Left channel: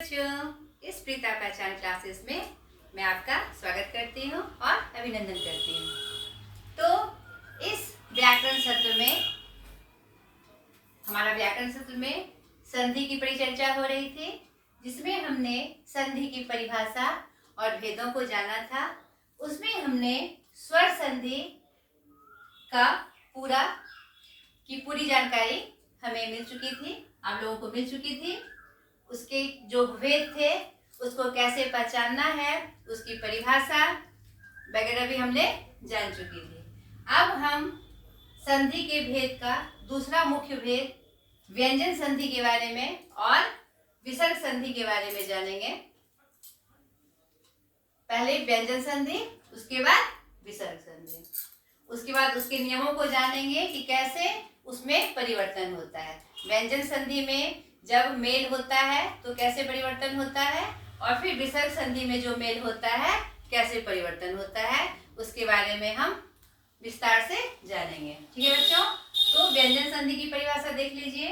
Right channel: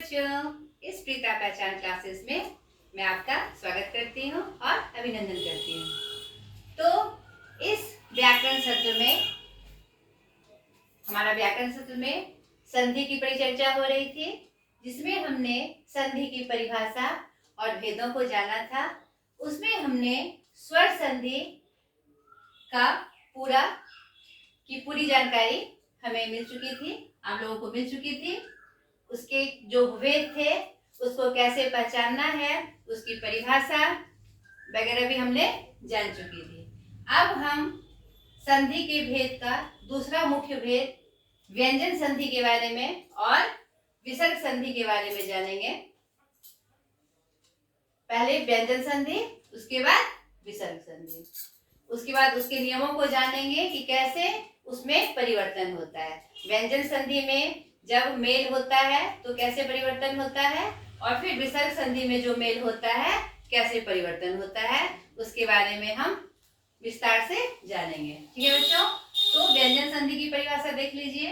बच्चों, इस प्रीता पहचान क्लासेस में मैं आपका स्वागत करती हूँ और अभिनंदन करती हूँ। तो इस व्याकरण सत्र में संधि की परिचर्चा हो रही थी, जिसमें हमने संधि की परिभाषा और भेदों को जाना था। उसमें हमने स्वर संधि का पूरी जानकारी हमें मिल चुकी थी, आप लोगों को मिल चुकी थी। उसके जो भेद थे उसको कैसे पहचानना है, उसकी परिभाषा वगैरह भी हमने जान चुकी थी। अब हम संधि के भेद का दूसरा मुख्य भेद व्यंजन संधि के बारे में और विसर्ग संधि के बारे में जानेंगे। पहले व्यंजन संधि, उसके बाद विसर्ग संधि, उसके बाद उसके नियमों को जानेंगे कि कैसे उसमें परिवर्तन होता है। व्यंजन संधि में जब मेल होता है तो कैसे परिवर्तन होता है, और फिर विसर्ग संधि में जो मेल होता है कैसे परिवर्तन होता है, उसके बारे में हम विस्तार से जानेंगे। ठीक है बच्चों, तो व्यंजन संधि की परिभाषा देख लीजिए।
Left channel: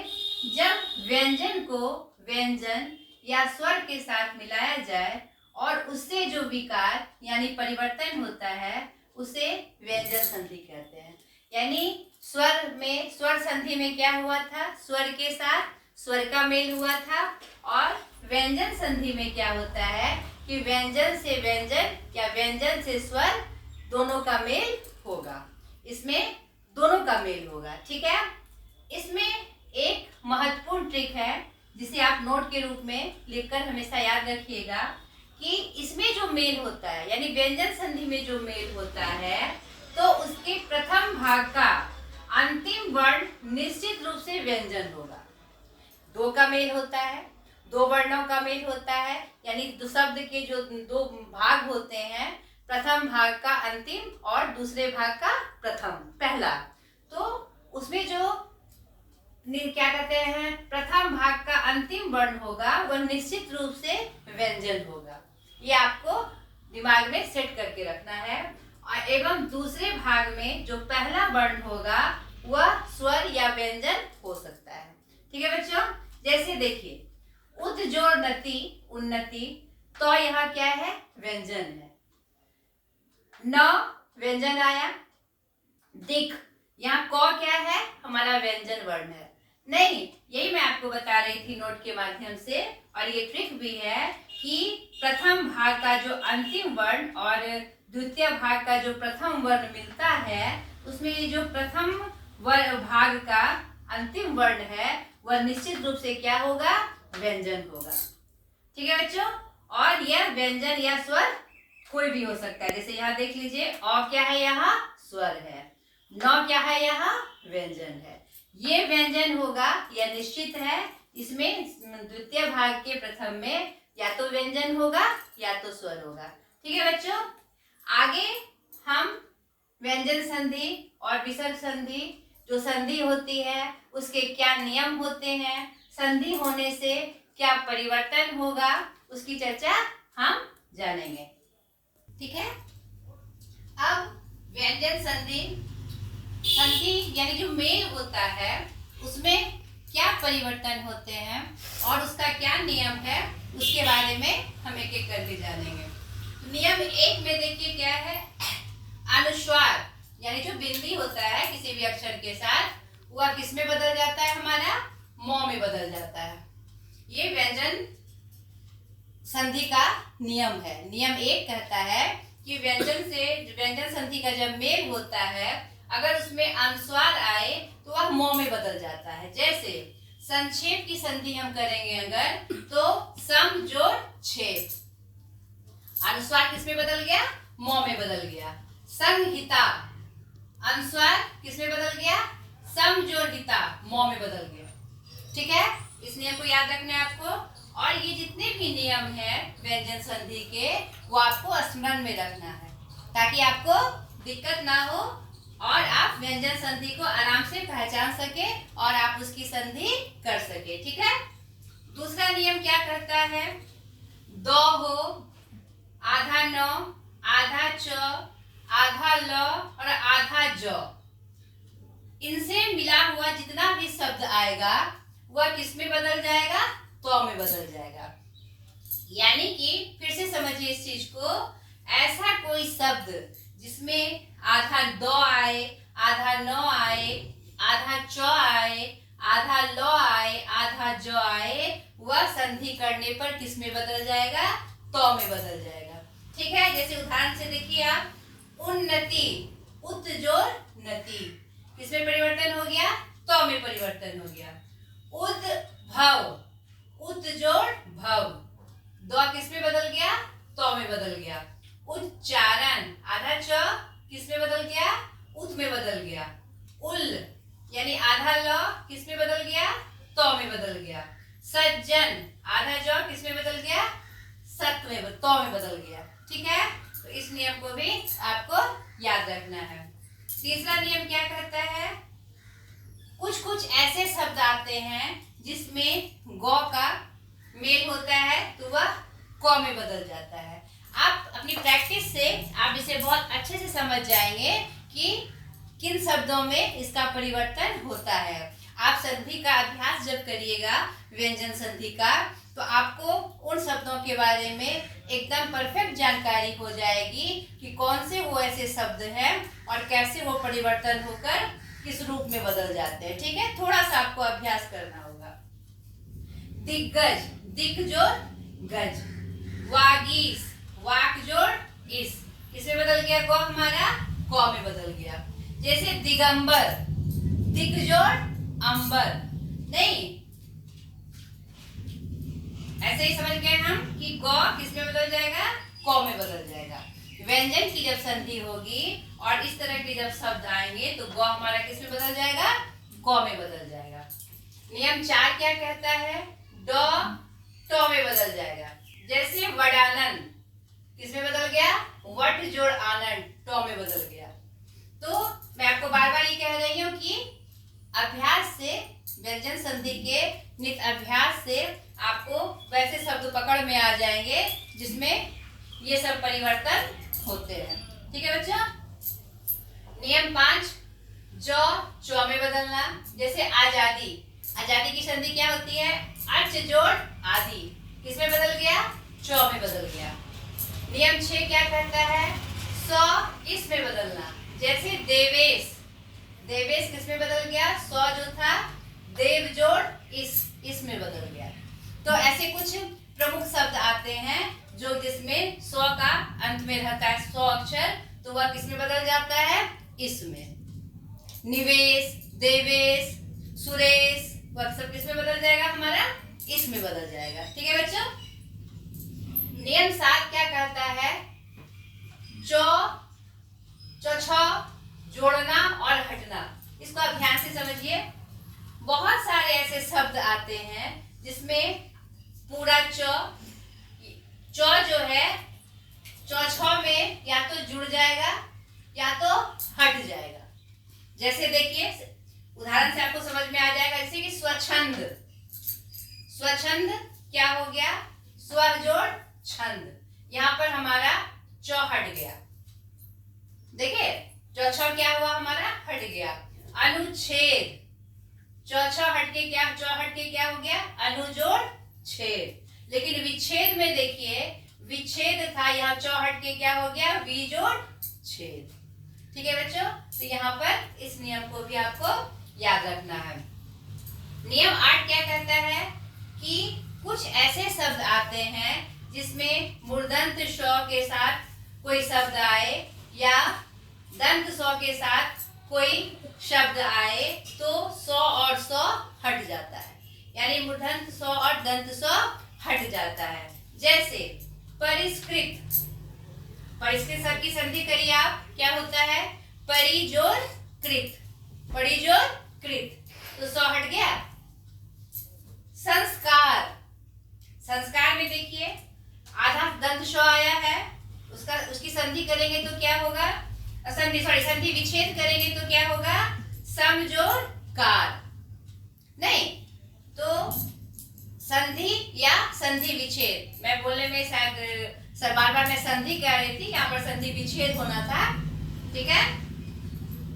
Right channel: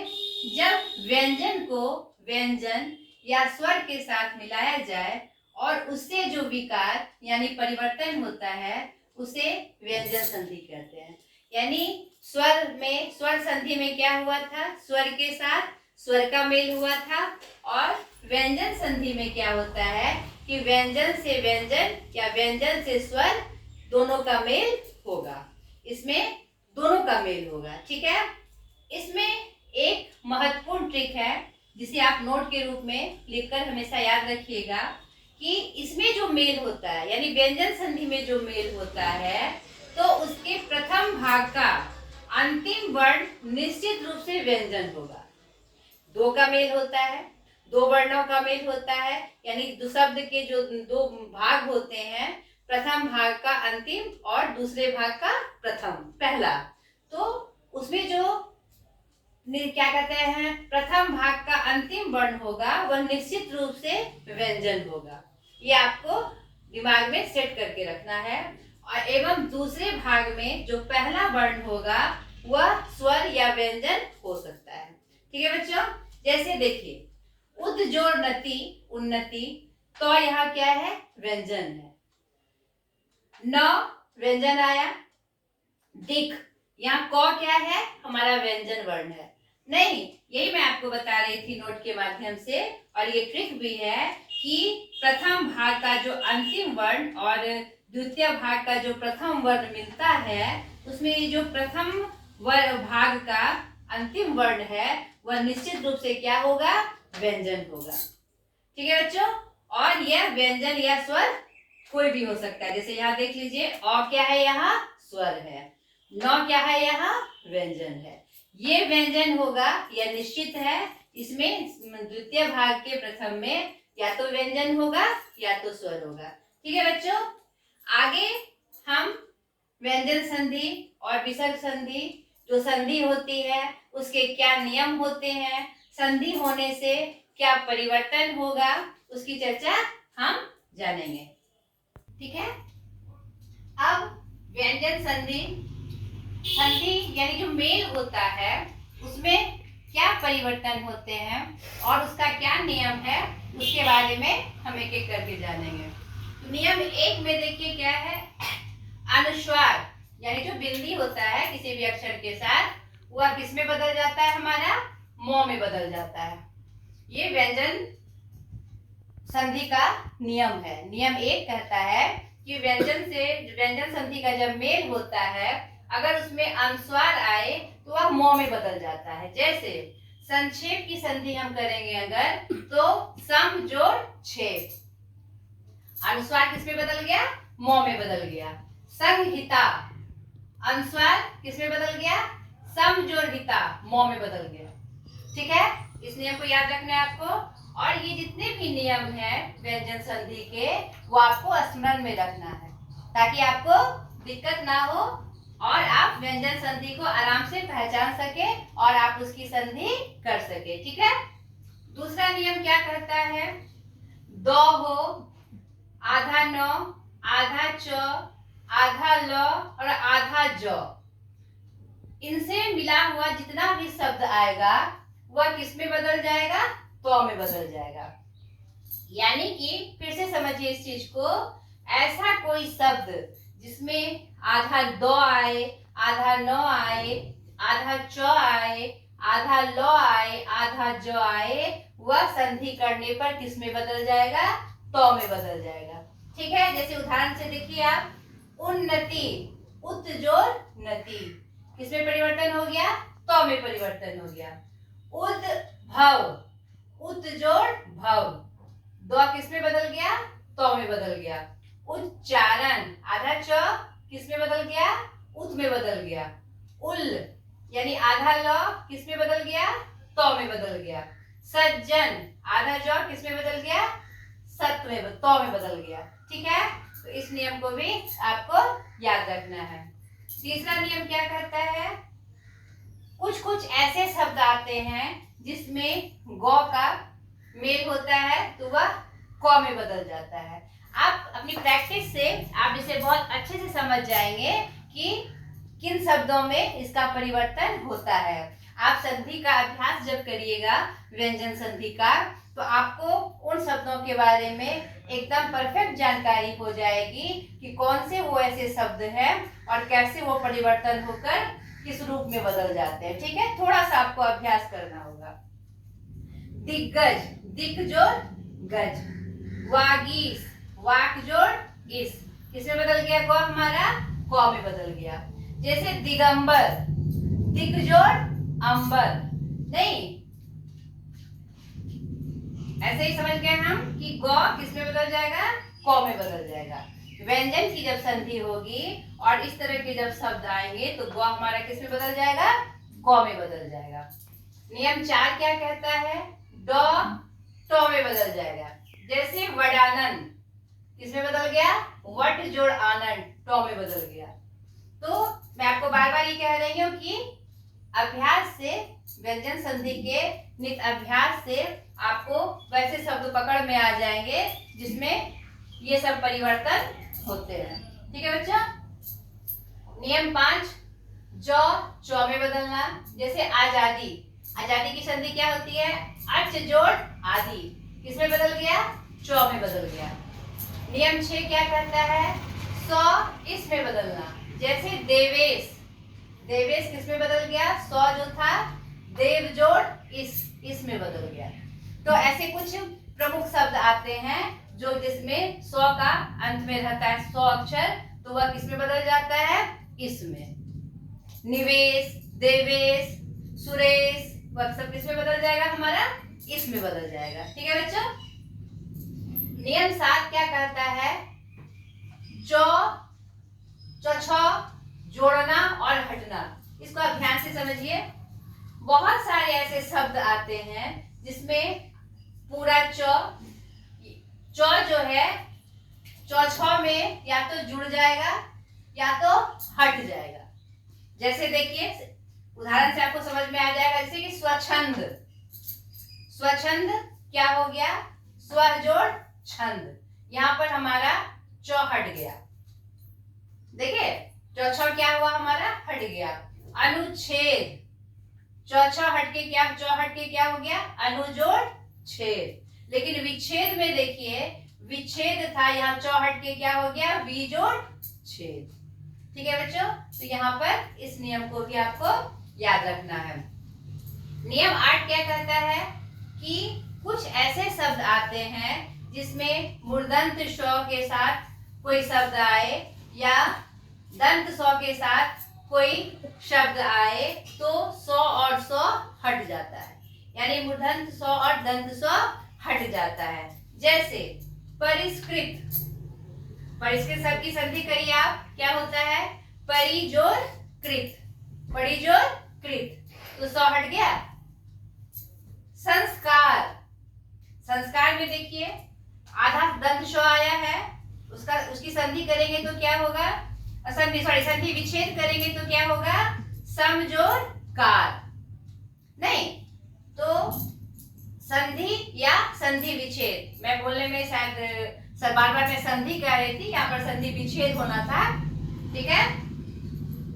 जब व्यंजन को व्यंजन या स्वर के साथ मिलाया जाए और उससे जो विकार यानी परिवर्तन होता है उसे व्यंजन संधि कहते हैं। यानी स्वर संधि में क्या हुआ था, स्वर के साथ स्वर का मेल हुआ था, और व्यंजन संधि में क्या होता है कि व्यंजन से व्यंजन या व्यंजन से स्वर दोनों का मेल होगा। इसमें दोनों का मेल होगा। ठीक है, इसमें एक महत्वपूर्ण ट्रिक है जिसे आप नोट के रूप में लिखकर हमेशा याद रखिएगा कि इसमें जो मेल होता है यानी व्यंजन संधि में जो मेल होता है तो उसके प्रथम भाग का अंतिम वर्ण निश्चित रूप से व्यंजन होगा। दो का मेल होता है, दो वर्णों का मेल होता है, यानी दो शब्द के जो दो भाग होते हैं, प्रथम भाग का अंतिम और दूसरे भाग का पहला, तो उसमें जो क्या कहते हैं प्रथम भाग का अंतिम वर्ण होगा वह निश्चित रूप से व्यंजन होगा। ये आपको दिमाग में सेट करके रखना है। और एवं दूसरे भाग में जो पहला वर्ण होगा वह स्वर या व्यंजन हो सकता है। ठीक है बच्चों, जैसे देखिए उद जोड़ नति उन्नति, तो यहाँ क्या है, व्यंजन है। न व्यंजन आया। दिख, यहाँ क क्या है, हमारा व्यंजन वर्ण है। नहीं, यही मैं आपको बता रही थी नोट के माध्यम से, और ये ट्रिक भी है कि प्रथम भाग का जो अंतिम वर्ण और द्वितीय भाग का जो प्रथम वर्ण मिलता है उसमें जो प्रथम भाग का अंतिम वर्ण है वह निश्चित रूप से क्या होगा, व्यंजन होगा। ठीक है बच्चों, और यह व्यंजन या स्वर कोई भी हो सकता है। जैसे यहाँ देख लीजिए, अ क्या है, यहाँ स्वर है, न क्या है, यहाँ व्यंजन है। ये व्यंजन होगा, यह निश्चित है। इसमें द्वितीय भाग के प्रथम में या तो व्यंजन होगा या तो स्वर होगा। ठीक है बच्चों, आगे हम व्यंजन संधि और विसर्ग संधि, जो संधि होती है उसके क्या नियम होते हैं, संधि होने से क्या परिवर्तन होगा, उसकी चर्चा हम जानेंगे। ठीक है, अब व्यंजन संधि यानी जो मेल होता है उसमें क्या परिवर्तन होते हैं और उसका क्या नियम है, उसके बारे में हम एक एक करके जानेंगे। नियम एक में देखिए क्या है, अनुस्वार यानी जो बिंदी होता है किसी भी अक्षर के साथ वह किस में बदल जाता है, हमारा म में बदल जाता है। ये व्यंजन संधि का नियम है। नियम एक कहता है कि व्यंजन संधि का जब मेल होता है अगर उसमें अनुस्वार आए तो वह म में बदल जाता है। जैसे संक्षेप की संधि हम करेंगे अगर, तो सम जोड़ छेद, अनुस्वार किस में बदल गया, म में बदल गया। संहिता, अनुस्वार किस में बदल गया, सम जोड़ हिता, म में बदल गया। ठीक है, इस नियम को याद रखना है आपको। और ये जितने भी नियम हैं व्यंजन संधि के वो आपको स्मरण में रखना है ताकि आपको दिक्कत ना हो और आप व्यंजन संधि को आराम से पहचान सके और आप उसकी संधि कर सके। ठीक है, दूसरा नियम क्या कहता है, दो हो, आधा न, आधा च, आधा ल और आधा ज, इनसे मिला हुआ जितना भी शब्द आएगा वह किस में बदल जाएगा, तो में बदल जाएगा। यानी कि फिर से समझिए इस चीज को, ऐसा कोई शब्द जिसमें आधा द आए, आधा न आए, आधा च आए, आधा ल आए, आधा ज आए, वह संधि करने पर किस में बदल जाएगा? तो में बदल जाएगा। ठीक है, जैसे उदाहरण से देखिए आप, उन्नति, उत जोड़ नति, किसमें परिवर्तन हो गया? तो में परिवर्तन हो गया। उद्भव, उत जोड़ भव, दो किसमें बदल गया? तो में बदल गया। उच्चारण, आधा च किसमें बदल गया? उत में बदल गया। उल यानी आधा ल किसमें बदल गया? तो में बदल गया। सज्जन, आधा ज किसमें बदल गया? सत में, तो में बदल गया। ठीक है, तो इस नियम को भी आपको याद रखना है। तीसरा नियम क्या कहता है? कुछ कुछ ऐसे शब्द आते हैं जिसमें गौ का मेल होता है तो वह क में बदल जाता है। आप अपनी प्रैक्टिस से आप इसे बहुत अच्छे से समझ जाएंगे कि किन शब्दों में इसका परिवर्तन होता है। आप संधि का अभ्यास जब करिएगा, व्यंजन संधि का, तो आपको उन शब्दों के बारे में एकदम परफेक्ट जानकारी हो जाएगी कि कौन से वो ऐसे शब्द हैं और कैसे वो परिवर्तन होकर किस रूप में बदल जाते हैं। ठीक है, थोड़ा सा आपको अभ्यास करना होगा। दिग्गज, दिक जोड़ गज। वागीश, वाक जोड़ इस, किसमें बदल गया? ग हमारा क में बदल गया। जैसे दिगंबर, दिक जोड़ अंबर, नहीं, ऐसे ही समझ गए हम कि ग किसमें बदल जाएगा? क में बदल जाएगा। व्यंजन की जब संधि होगी और इस तरह के जब शब्द आएंगे तो ग हमारा किसमें बदल जाएगा? क में बदल जाएगा। नियम 4 क्या कहता है? ड तो में बदल जाएगा। जैसे वडानन, किसमें बदल गया? वट जोड़ आनंद, तो में बदल गया। तो मैं आपको बार बार ये कह रही हूँ कि अभ्यास से, व्यंजन संधि के नित अभ्यास से आपको वैसे शब्द पकड़ में आ जाएंगे जिसमें ये सब परिवर्तन होते हैं। ठीक है बच्चा। नियम 5, जो चौ में बदलना। जैसे आजादी, आजादी की संधि क्या होती है? अर्च जोड़ आदि, किसमें बदल गया? चौ में बदल गया। नियम 6 क्या कहता है? सौ इसमें बदलना। जैसे देवेश, देवेश किसमें बदल गया? सौ जो था, देव जोड़ इसमें बदल गया। तो ऐसे कुछ प्रमुख शब्द आते हैं जो जिसमें सौ का अंत में रहता है, 100 अक्षर, तो वह किसमें बदल जाता है? इसमें। निवेश, देवेश, सुरेश, वह सब किसमें बदल जाएगा? हमारा इसमें बदल जाएगा। ठीक है बच्चों। नियम 7 क्या कहता है? छ जोड़ना और हटना। इसको आप ध्यान से समझिए। बहुत सारे ऐसे शब्द आते हैं जिसमें पूरा च जो है छ में या तो जुड़ जाएगा या तो हट जाएगा। जैसे देखिए, उदाहरण से आपको समझ में आ जाएगा। जैसे कि स्वच्छंद, स्वच्छंद क्या हो गया? स्व जोड़ छंद, यहाँ पर हमारा च हट गया। देखिए, च क्या हुआ? हमारा हट गया। अनुच्छेद, च हटके क्या, च हटके क्या हो गया? अनु जोड़ छेद। लेकिन विच्छेद में देखिए, विच्छेद था, यहाँ च हटके क्या हो गया? वी जोड़ छेद। ठीक है बच्चों, तो यहाँ पर इस नियम को भी आपको याद रखना है। नियम 8 क्या कहता है? कि कुछ ऐसे शब्द आते हैं जिसमें मूर्धन्य श के साथ कोई शब्द आए या दंत स के साथ कोई शब्द आए तो 100 और 100 हट जाता है, यानी मूर्धन्य स और दंत स हट जाता है। जैसे परिष्कृत, परिष्कृत शब्द की संधि करिए आप, क्या होता है? परि जोड़ कृत, परि जोड़ कृत, तो 100 हट गया। संस्कार, संस्कार में देखिए आधा दंत श आया है, उसकी संधि करेंगे तो क्या होगा? संधि विच्छेद करेंगे तो क्या होगा? सम जोड़ कार, नहीं तो संधि या संधि विच्छेद। मैं बोलने में शायद बार बार मैं संधि कह रही थी, यहाँ पर संधि विच्छेद होना था। ठीक है,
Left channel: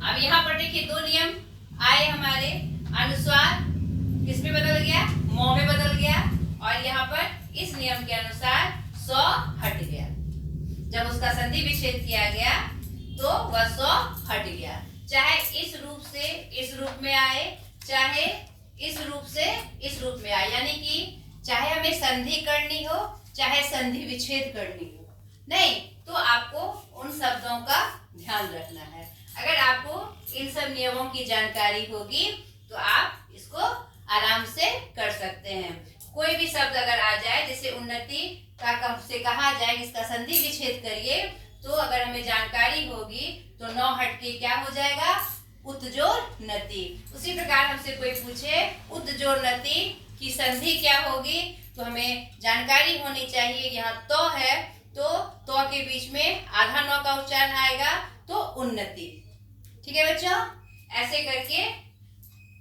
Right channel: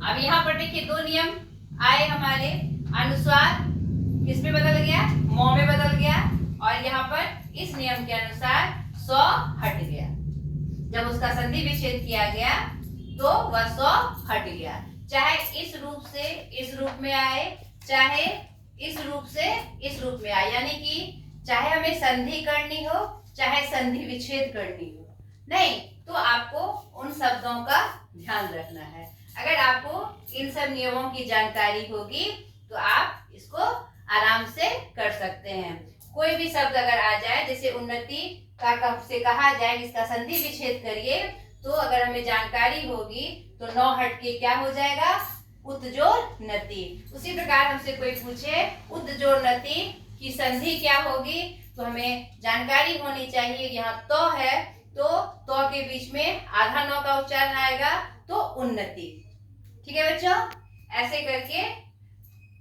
अब यहाँ पर देखिए 2 नियम आए हमारे। अनुस्वार किस में बदल गया? मौ में बदल गया, और यहाँ पर इस नियम के अनुसार सौ हट गया। जब उसका संधि विच्छेद किया गया तो वह सौ हट गया, चाहे इस रूप से इस रूप में आए, चाहे इस रूप से इस रूप में आए, यानी कि चाहे हमें संधि करनी हो चाहे संधि विच्छेद करनी हो, नहीं तो आपको उन शब्दों का ध्यान रखना है। अगर आपको इन सब नियमों की जानकारी होगी तो आप इसको आराम से कर सकते हैं। कोई भी शब्द अगर आ जाए, जैसे उन्नति का से कहा जाए इसका संधि विच्छेद करिए, तो अगर हमें जानकारी होगी तो नौ हट के क्या हो जाएगा, उत्जोर नति। उसी प्रकार हमसे कोई पूछे उत्जोर नति की संधि क्या होगी, तो हमें जानकारी होनी चाहिए। यहाँ तो है तो के बीच में आधा नौ का उच्चारण आएगा तो उन्नति। ठीक है बच्चों, ऐसे करके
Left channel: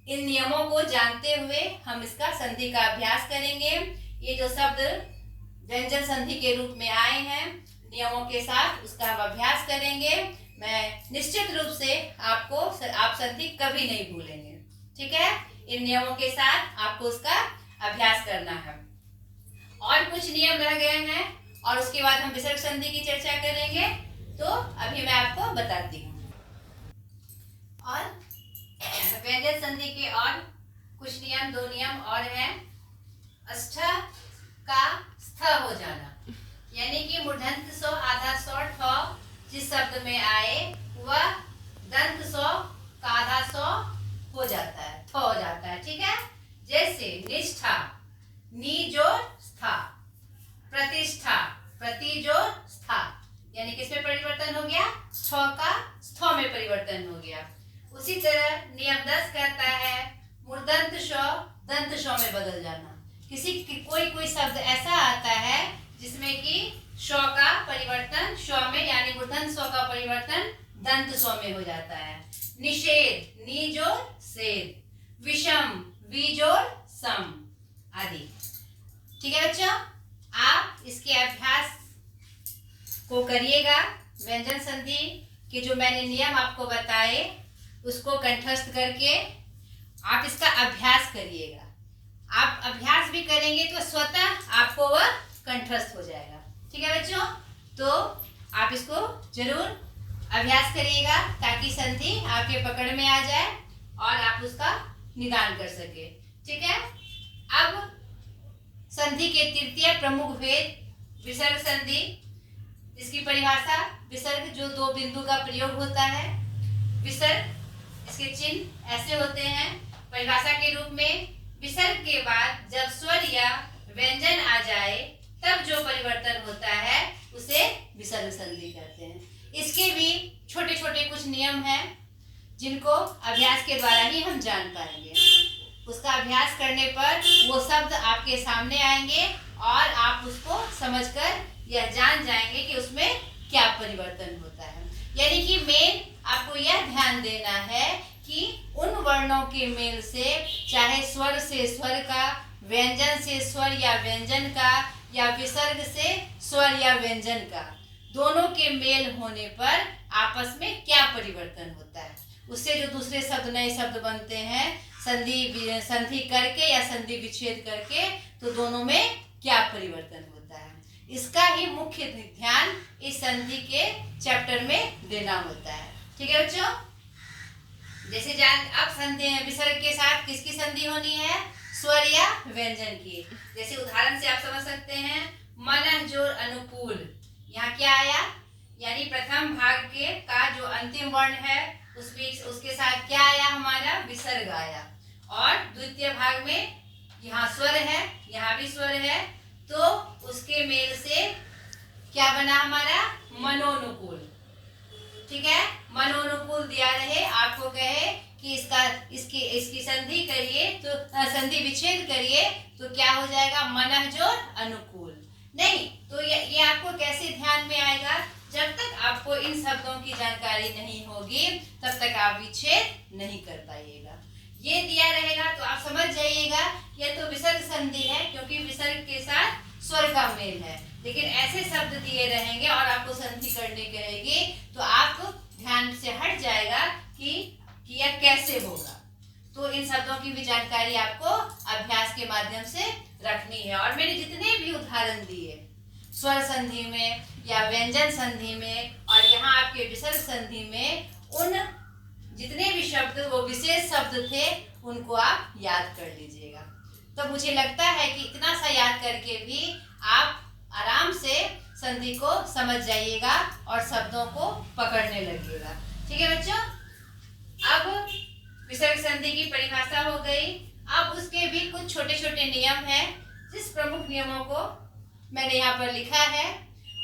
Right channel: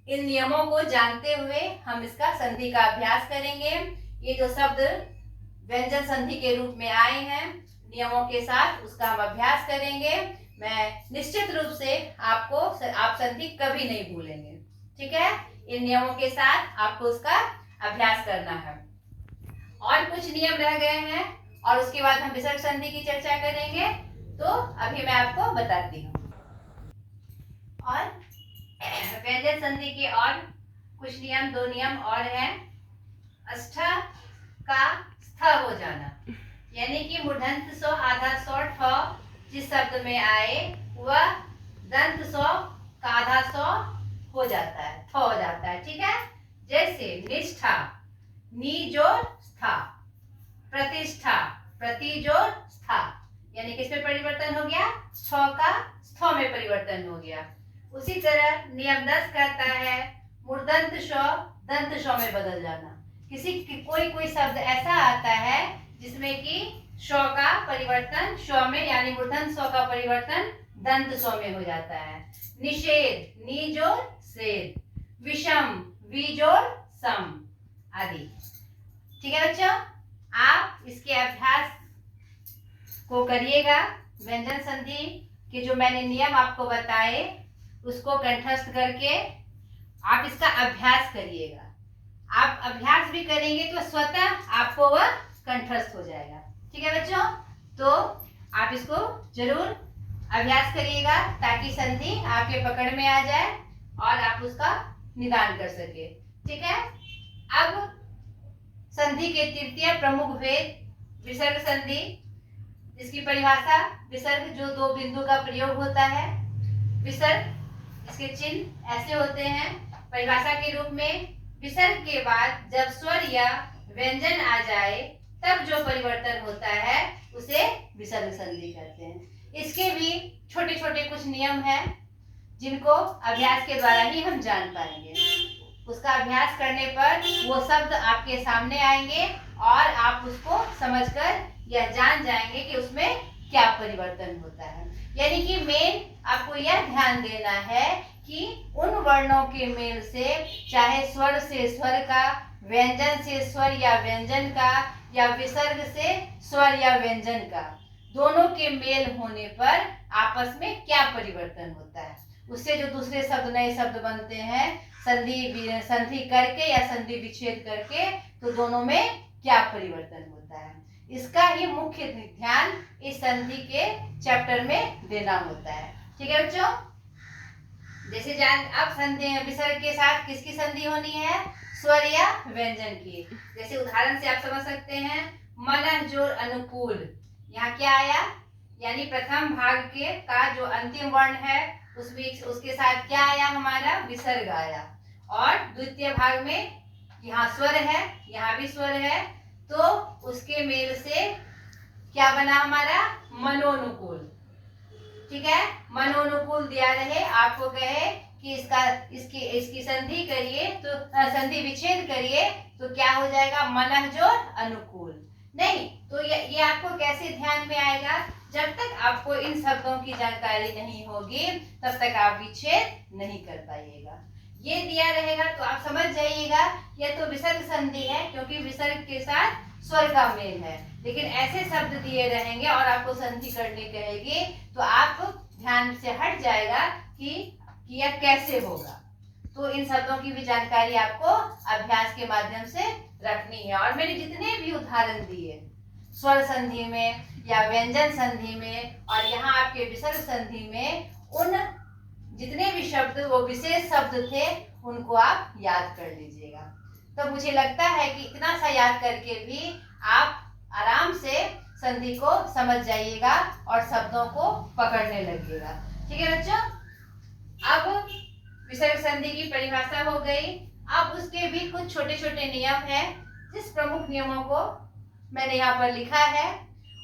इन नियमों को जानते हुए हम इसका संधि का अभ्यास करेंगे। ये जो शब्द व्यंजन संधि के रूप में आए हैं नियमों के साथ, उसका हम अभ्यास करेंगे। मैं निश्चित रूप से आप संधि कभी नहीं भूलेंगे। ठीक है, इन नियमों के साथ आपको उसका अभ्यास करना है। और कुछ नियम रह गए हैं और उसके बाद हम विसर्ग संधि की चर्चा करेंगे, तो अभी मैं आपको बताती हूँ। और व्यंजन संधि के और कुछ नियम, दो नियम और हैं। अस्ठ का स्थ हो जाना, यानी कि मूर्धन्य स्व आधा स्व ठ जिस शब्द में आए वह दंत स्व का आधा स्व हो जाता है, थ हो जाता है। ठीक है, जैसे निष्ठा, नी जोड़ स्था, प्रतिष्ठा, प्रति जोड़ स्था, यानी किसमें परिवर्तन हो गया, छ का स्थ में परिवर्तन हो गया। उसी तरह नियम 10 कहता है मूर्धन्य स्व दंत स्व में बदल जाना। कोई शब्द ऐसा आता है जिसमें कि स्व का परिवर्तन स्व में, यानी मूर्धन्य स्व का परिवर्तन दंत स्व में हो जाता है। निषेध, नी जोड़ सेध, विषम, वी जोड़ सम आदि। ठीक है बच्चों, आप इसके अभ्यास को करिएगा। व्यंजन संधि के जो मैंने नियम आपको बताए उसको कंठस्थ करके आप इसका अभ्यास करिएगा। आप अभ्यास भी करेंगे तो स्वतः आपको वह कंठस्थ हो जाएगा। ठीक है बच्चों, तो आप इसको जरूर अभ्यास करिएगा ताकि संधि आपके पकड़ में आ जाए और आप उसका निदान कर सके। ठीक है, अब संधि के तृतीय प्रमुख भेद विसर्ग संधि। इसकी परिभाषा, विसर्ग जो दो बिंदु का प्रयोग होता है, विसर्ग इसके चिन्ह ऐसे होते हैं। परिभाषा के रूप में, विसर्ग के बाद जब स्वर या व्यंजन आ जाए तब जो परिवर्तन होता है उसे विसर्ग संधि कहते हैं। इसके भी छोटे छोटे कुछ नियम हैं जिनको अभ्यास के द्वारा ही हम जान पाएंगे। उसका अभ्यास करने पर वो शब्द आपके सामने आएंगे और आप उसको समझकर यह जान जाएंगे कि उसमें क्या परिवर्तन होता है। यानी कि मेन आपको यह ध्यान देना है कि उन वर्णों के मेल से, चाहे स्वर से स्वर का, व्यंजन से स्वर या व्यंजन का, या विसर्ग से स्वर या व्यंजन का, दोनों के मेल होने पर आपस में क्या परिवर्तन होता है, उससे जो दूसरे शब्द, नए शब्द बनते हैं संधि करके या संधि विच्छेद करके, तो दोनों में क्या परिवर्तन होता है, इसका ही मुख्य ध्यान इस संधि के चैप्टर में देना होता है। ठीक है बच्चों, जैसे अब संधि विसर्ग के साथ किसकी संधि होनी है, स्वर या व्यंजन की। जैसे उदाहरण से आप समझ सकते हैं, मन जोर अनुकूल, यहाँ क्या आया, यानी प्रथम भाग के का जो अंतिम वर्ण है उसके साथ क्या आया, हमारा विसर्ग आया। और द्वितीय भाग में यहाँ स्वर है, यहाँ भी स्वर है, तो उसके मेल से क्या बना हमारा, मनोनुकूल। ठीक है, मनोनुकूल दिया रहे, आपको कहे कि इसकी संधि करिए तो संधि विच्छेद करिए तो क्या हो जाएगा, मनः जोड़ अनुकूल। नहीं तो ये आपको कैसे ध्यान में आएगा, जब तक आपको इन शब्दों की जानकारी नहीं होगी तब तक आप विच्छेद नहीं कर पाइएगा। ये दिया रहेगा तो आप समझ जाइएगा यह तो विसर्ग संधि है, क्योंकि विसर्ग के साथ स्वर का मेल है। लेकिन ऐसे शब्द दिए रहेंगे और आपको संधि करने कहेगी तो आप ध्यान से हट जाएगा कि यह कैसे होगा। तो इन शब्दों की भी जानकारी आपको अभ्यास के माध्यम से रखनी है। और मैंने जितने भी उदाहरण दिए स्वर संधि में या व्यंजन संधि में और यहाँ आपके विसर्ग संधि में, उन जितने भी शब्द वो विशेष शब्द थे उनको आप याद कर लीजिएगा। तो मुझे लगता है कि इतना सा याद करके भी आप आराम से संधि को समझ जाइएगा और शब्दों को पकड़ने लगिएगा। ठीक है बच्चों, अब विसर्ग संधि की परिभाषा हो गई। अब उसके भी कुछ छोटे छोटे नियम हैं, जिस प्रमुख नियमों को मैंने यहाँ पर लिखा है,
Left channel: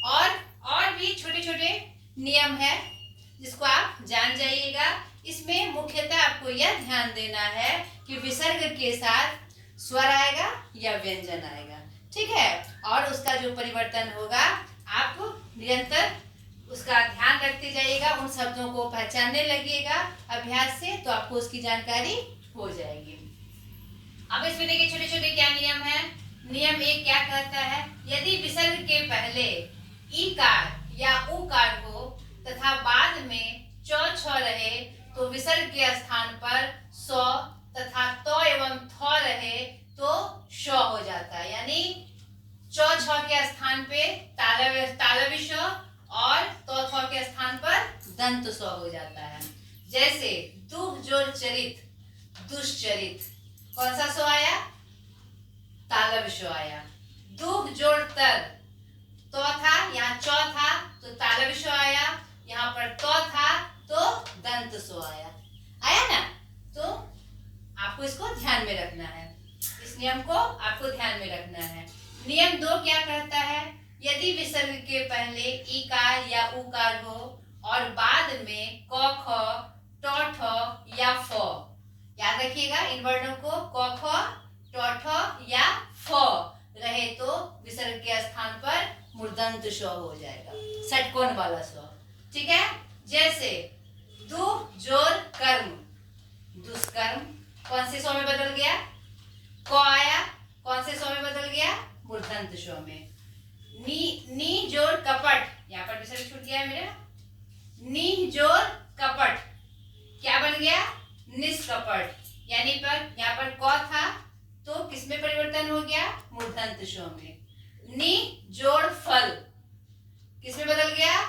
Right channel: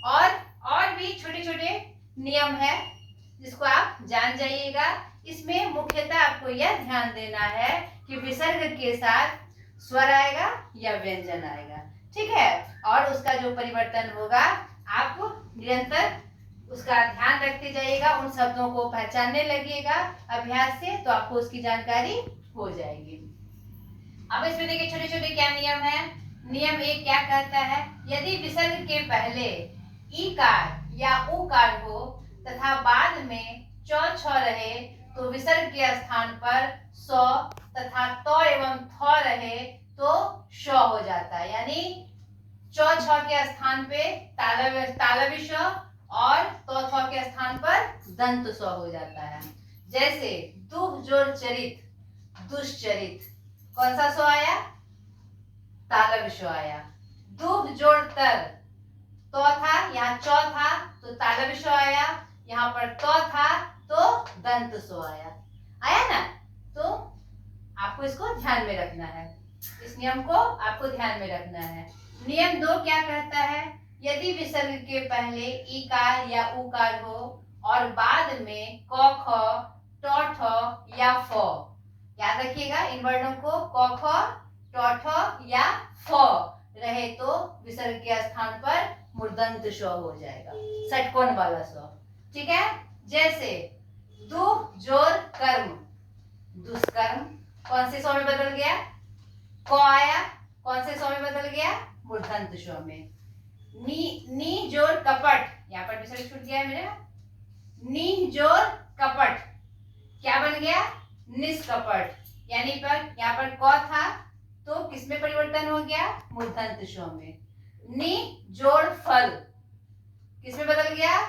और भी छोटे छोटे नियम है जिसको आप जान जाइएगा। इसमें मुख्यतः आपको यह ध्यान देना है कि विसर्ग के साथ स्वर आएगा या व्यंजन आएगा, ठीक है। और उसका जो परिवर्तन होगा आप निरंतर उसका ध्यान रखते जाइएगा, उन शब्दों को पहचानने लगिएगा अभ्यास से, तो आपको उसकी जानकारी हो जाएगी। अब इसमें देखिए छोटे छोटे क्या नियम है। नियम 1 क्या कहता है, यदि विसर्ग के पहले ईकार या उकार हो तथा बाद में च छ रहे तो विसर्ग के स्थान पर स तथा त एवं थ रहे तो श हो जाता है। यानी च छ के स्थान पे तालव्य श और तो थ के स्थान पर दंत स हो जाता है। जैसे दुह जोर चरित दुष्चरित, कौन सा स आया, तालव्य श आया। दुह जोड़ तर, तो था यहाँ च था तो तालव्य श आया, यहाँ पर तो था तो दंत स आया ना। तो आपको इसको ध्यान में रखना है, इस नियम को आपको ध्यान में रखना है। नियम 2 क्या कहता है, यदि विसर्ग के पहले ईकार या उकार हो और बाद में क ख ट ठ या फ, याद रखिएगा इन वर्णों को, क ख ट ठ या फ रहे तो विसर्ग के स्थान पर मूर्धन्य श हो जाएगा, षटकोण वाला स, ठीक है। जैसे दुह जोर कर्म दुष्कर्म, कौन से स में बदल गया, क आया, कौन से स में बदल गया, मूर्धन्य श में। नी जोर कपट, यहाँ पर विसर्ग छूट गया है मेरा, नी जोर कपट क्या बन गया, निष्कपट। यानी पर यहाँ पर क था तो किसमें परिवर्तन हो गया, मूर्धन्य श में। नी जोड़ फल किसमें बदल गया,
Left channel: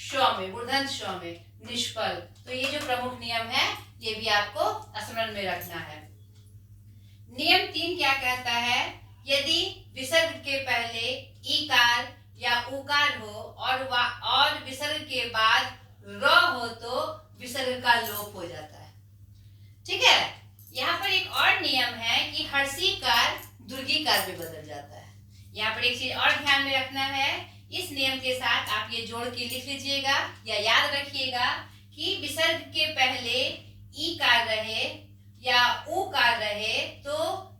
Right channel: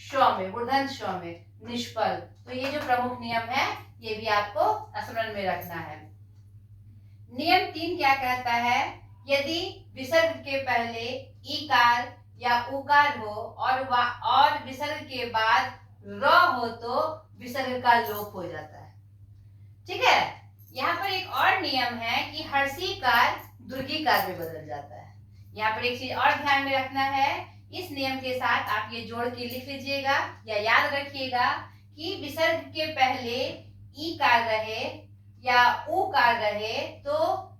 श में, मूर्धन्य श में, निष्फल। तो ये जो प्रमुख नियम है ये भी आपको स्मरण में रखना है। नियम 3 क्या कहता है, यदि विसर्ग के पहले ईकार या उकार हो और विसर्ग के बाद र हो तो विसर्ग का लोप हो जाता है, ठीक है। यहाँ पर एक और नियम है कि हर्षीकार दुर्गीकार में बदल जाता है। यहाँ पर एक चीज और ध्यान में रखना है, इस नियम के साथ आप ये जोड़ के लिख लीजिएगा या याद रखिएगा कि विसर्ग के पहले ई कार रहे या ऊ कार रहे तो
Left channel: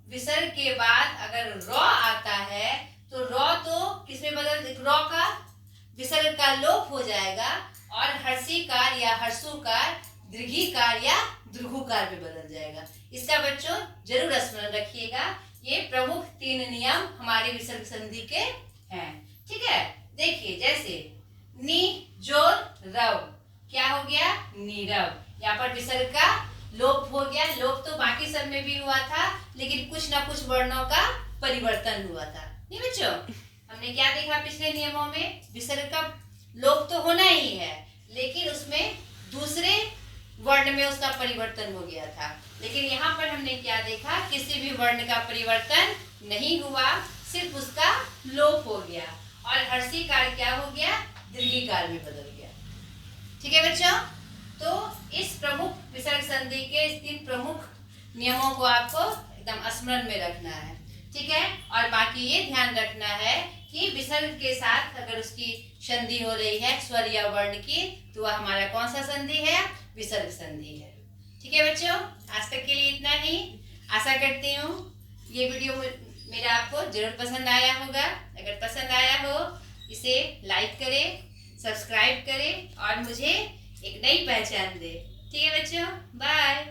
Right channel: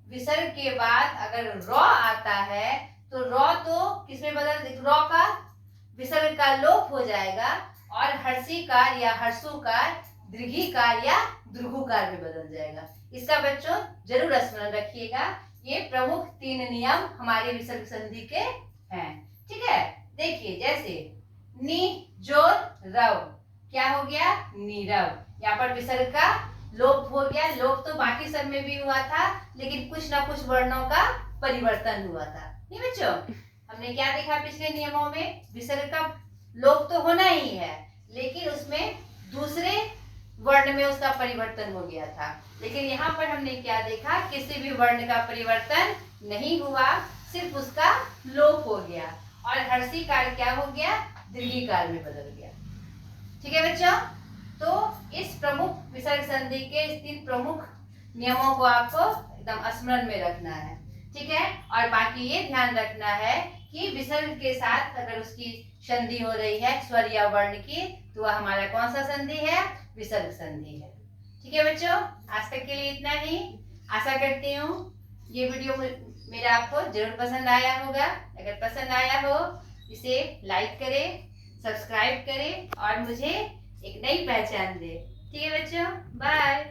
विसर्ग के बाद अगर र आता है तो र तो किसमें बदल, र का विसर्ग का लोप हो जाएगा और हर्षीकार या हर्षुकार दीर्घीकार या द्रुघुकार में बदल जाएगा। इसका बच्चों जरूर स्मरण रखिएगा। ये प्रमुख 3 नियम हमारे विसर्ग संधि के हैं, ठीक है। देखिए जैसे नी जोर रव क्या हो गया, नीरव। यहाँ पर विसर्ग का लोप हो गया। लोप तो बाकी सब में भी हुआ था लेकिन कुछ ना कुछ वर्णों का परिवर्तन हुआ था, नहीं बच्चों। हमने क्या देखा पिछले नियमों में, विसर्ग का लोप तो होना ही है लेकिन उसमें दूसरे वर्ण में उसका परिवर्तन हो गया था। लेकिन यहाँ पर हमने क्या देखा, किसी भी वर्ण का परिवर्तन नहीं हुआ, सिर्फ उसका लोप हो गया और हर्षीकार क्या हो गया, दीर्घीकार में बदल गया, ठीक है बच्चों। तो इस प्रमुख विसर्ग संधि के इस 3 प्रमुख नियमों को आपको एकदम स्मरण में रखना है, ठीक है। और बाकी ये ध्यान रखना है कि विसर्ग के साथ अगर उसकी संधि हो रही है स्वर या वर्ण की तो वह हमारा कौन सा संधि है, विसर्ग संधि है, ठीक है बच्चों। आज तक के लिए इतना ही। आशा करती हूँ ये वीडियो मेरा आपको जरूर पसंद आया होगा। अगर पसंद आया हो इसे लाइक करें, सब्सक्राइब करें और मुझे एक नई पहचान दे, ठीक है बच्चों। बाय।